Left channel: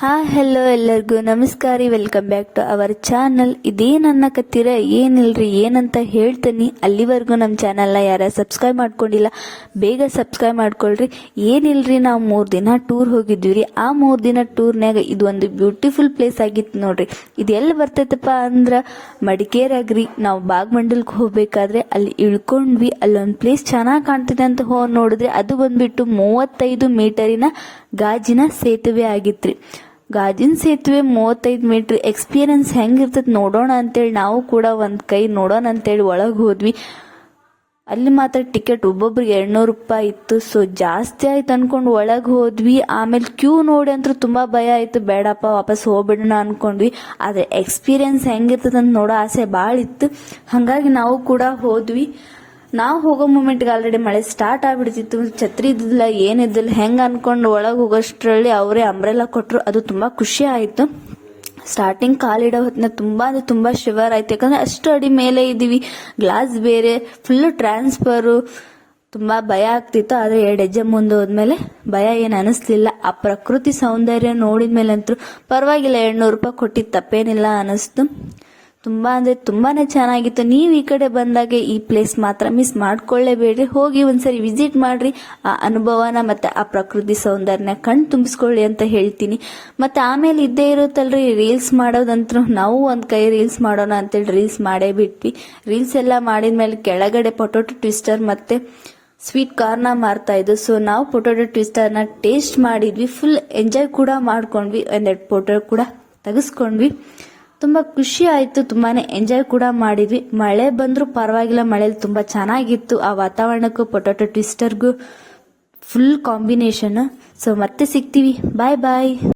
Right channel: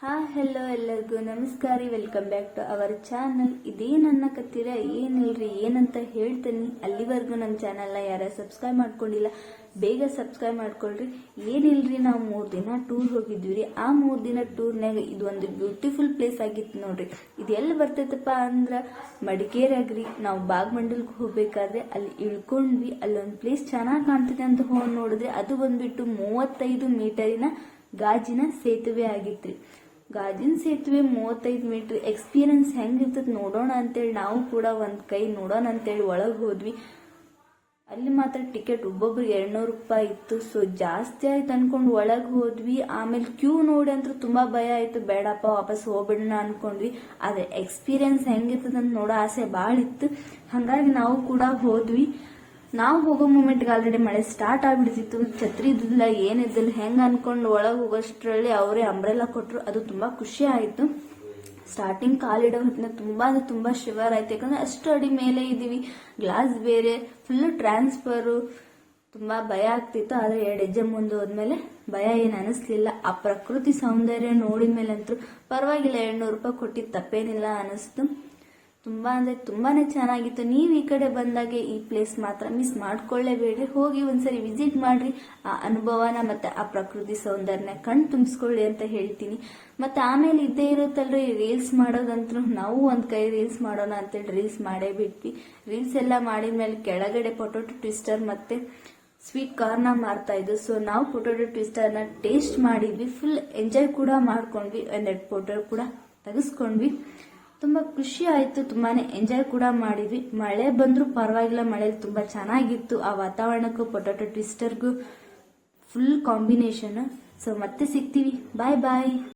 ಹಾ ಹೆಲೋ ಎಲ್ಲರಿಗೂ. ನಮಸ್ಕಾರ welcome back to our channel ಇದೇನ್ ಅನ್ನಕತ್ತೀರ ಏನಿಲ್ರಿ, ಏನಂತ ಹೇಳ್ತೀನಿ. ಅಲ್ಲಿವರೆಗೂ ನಮ್ಮ ಚಾನಲ್ನ ಯಾರ ಸಬ್ಸ್ಕ್ರೈಬ್ ಮಾಡ್ಕೊಂಡಿಲ್ಲ, ಬೇಗ ಸಬ್ಸ್ಕ್ರೈಬ್ ಮಾಡ್ಕೊಳ್ರಿ. ಏನಿಲ್ರಿ, ನಾವು ಮೂರು ದಿನ ಟೂರ್ ಹೋಗಿದ್ವಿ ರೀ ಆ ಮೂರು ದಿನ ಟೂರ್ನ್ಯಾಗ ಇದು ಒಂದು ಬ್ಯೂಟಿಫುಲ್ ಪ್ಲೇಸ್ ಆಗಿತ್ತು ನೋಡ್ರಿ. ಇದು ಎಲ್ಲಿ ಬರ್ತೈತಪ್ಪ ಅಂದ್ರೆ ಮಡಿಕೇರಾಗ್ರಿ ನಾವು ಬಾಗ್ಮಂಡಲ್ಗೆ ಹೋಗ್ಬೇಕಾದ್ರೆ ಅಲ್ಲಿ ಇಳ್ಕೊಂಡ್ವಿ. ಅಲ್ಲೊಂದು ಪ್ಲೇಸ್ ಚೆನ್ನಾಗಿ ಕಾಣ್ತಿದೆ ಅಂತ ಹೋಗಿ ನೋಡಿದ್ರೆ ಅದು ಬಂದ್ಬಿಟ್ಟು ಮೂವತ್ತೈದು ಮೀಟರಿನ ಗಾಜಿನ ಸೇತುವೆ ಆಗಿತ್ರಿ. ಗಾಜಿನ ಸೇತುವೆ ಮೂವತ್ತೈದು ಮೀಟ್ರ್ ಎಕ್ಸ್ಪೀರಿಯನ್ಸ್ ಹೆಂಗಿರ್ತದೆ ನೋಡೋಣ ಅಂತೇಳಿ ನಾವು ಕೂಡ ಒಂದು ಕೈ ನೋಡೋಣ ಅಂತೇಳಿ ಒಳಗೆ ಹೋದ್ವಿ. ಅಲ್ಲಿ ಮಾತ್ರ ಟಿಕೆಟ್ ಒಬ್ಬೊಬ್ರಿಗೆ ಎರಡ್ನೂರು ರೂಪಾಯಿ ಇತ್ತು. ಸೊ ಜಾಸ್ತಿ ಆಯ್ತು ಅನ್ಕೊಂಡು ಒಳಗೆ ಹೋದ್ವಿ. ಆಮೇಲೆ ಕ್ಯೂ ನೋಡಿ ಅಂತೂ ತುಂಬ ಭಯ ಆಯ್ತು. ಬೇಡಪ್ಪ, ವಾಪಸ್ ಹೋಗ್ಬಿಡೋಣ ಅನ್ಕೊಂಡ್ವಿ. ಆದರೆ ಎಕ್ಸ್ಪೀರಿಯನ್ಸ್ ಹೆಂಗಿರ್ತದೆ ಅಂತ ನೋಡೋ ಆಸೆ ಭಾಳ ಇತ್ತು. ಹಾಗಾಗಿ ನಾವು ಕೂಡ ಹೋದ್ವಿ. ನಾವು ಹೋಗೋ ಮೂಮೆಂಟ್ಗೆ ಆಲ್ರೆಡಿ ಮಳೆ ಸ್ಟಾರ್ಟ್ ಆಗ್ಬಿಡ್ತಿತ್ತು. ಛತ್ರಿ ಇದ್ದಿಲ್ಲ ಏನಿದ್ದಿಲ್ಲ ಹೆಂಗೆ ಅನ್ಕೊಂಡು ಒಳಗೆ ಹೋಗೋಷ್ಟರಲ್ಲಿ ಅವರೇ ಅಂಬ್ರೆಲ್ಲ ಕೊಟ್ಟರು ಅದು ತುಂಬ ಖುಷಿ ಆಯಿತು. ಸ್ಟಾರ್ಟಿಂಗ್ ಕಾಲಿಡೋ ಹೊತ್ತಿನ ತುಂಬ ಅಂದರೆ ತುಂಬ ಶಿವರ್ ಆಯ್ತು. ಯಾಕಂದರೆ ಅಷ್ಟು ಅಡಿ ಮೇಲೆ ಇದ್ದೀವಿ. ಗ್ಲಾಸ್ ಬೇರೆ ಫುಲ್ಲು ಟ್ರಾನ್ಸ್ಫರು ತುಂಬ ಭಯ ಆಗ್ತಿತ್ತು. ಆದರೆ ಎರಡು ಹೆಜ್ಜೆ ಮುಂದೆ ಹೋದ್ಮೇಲೆ ಭಯ ಏನು ಅನಿಸ್ಲಿಲ್ಲ. ಆ ಪ್ರಕೃತಿ ಸೌಂದರ್ಯ ನೋಡಿದ ಮೇಲೆ ಅಂತೂ ಪರವಾಗಿಲ್ಲ. ಎರಡ್ನೂರು ರೂಪಾಯಿ ಕೊಟ್ಟಿದ್ದು ತಪ್ಪೇನಿಲ್ಲ ಅನಿಸ್ತು. ತುಂಬ ಅಂದರೆ ತುಂಬಾ ಚೆನ್ನಾಗಿತ್ತು. ನೀವು ಈ ಕಡೆ ಬಂದಾಗ ಈ ಪ್ಲೇಸ್ ಮಾತ್ರ ಮಿಸ್ ಮಾಡ್ಕೊಳ್ಳೇಬೇಡ್ರಿ. ಹೋಗಿ ಒಂದ್ಸರಿ ವಿಸಿಟ್ ಮಾಡ್ರಿ. ಆ ಅನುಭವನ ಮತ್ತು ಆ ಪ್ರಕೃತಿ ಸೌಂದರ್ಯನ ಕಣ್ ತುಂಬಿಸ್ಕೊಳ್ಳಿ ಅಂತ ಹೇಳ್ತೀನಿ. ಮತ್ತು ಆಮೇಲೆ ಇದ್ದೇ ಇರುತ್ತಲ್ರಿ ರೀಲ್ಸ್ ಮಾಡೋದಂತೂ ನಾವು ಒಂದು ಕೈ ರೀಲ್ಸ್ ಮಾಡೋಣ ಅಂತೇಳಿ ರೀಲ್ಸ್ ಮಾಡೇ ಬಿಟ್ವಿ. ರೀಲ್ಸ್ ಎಲ್ಲ ಮಾಡಿದ್ಮೇಲೆ ಕೆಳಗಡೆ ಪೊಟೊಟೊ ಟ್ವಿಸ್ಟರ್ ಮತ್ತು ಸ್ವೀಟ್ ಕಾರ್ನ ಮಾರ್ತಾ ಇದ್ದು ಸೊ ನಾವು ಪೊಟೊಟೊ ಟ್ವಿಸ್ಟರ್ನ ಟೇಸ್ಟ್ ಮಾಡಿದ್ವಿ. ಫುಲ್ ಎಂಜಾಯ್ ಕೂಡ ಮಾಡ್ಕೊಂಡ್ವಿ. ಒಂದೆರಡು ಫೋಟೋ ಕೂಡ ತೆಗೆಸ್ಕೊಂಡ್ವಿ. ತುಂಬ ಖುಷಿ ಆಯಿತು ತುಂಬಾ ಎಂಜಾಯ್ ಕೂಡ ಮಾಡಿದ್ವಿ. ಮಳೆ ಬಂದರೂ ಪರವಾಗಿಲ್ಲ, ಮಳೇಲಿ ತುಂಬ ಚೆನ್ನಾಗಿತ್ತು. ಆ ವಾತಾವರಣಕ್ಕೂ ಪೊಟೊಟೊ ಟ್ವಿಸ್ಟರ್ಗೂ ಫುಲ್ ಕಾಂಬಿನೇಷನ್ ಸೊ ಮತ್ತೆ ಸಿಗ್ತೀವಿ. ಬಾಯ್ ಬಾಯ್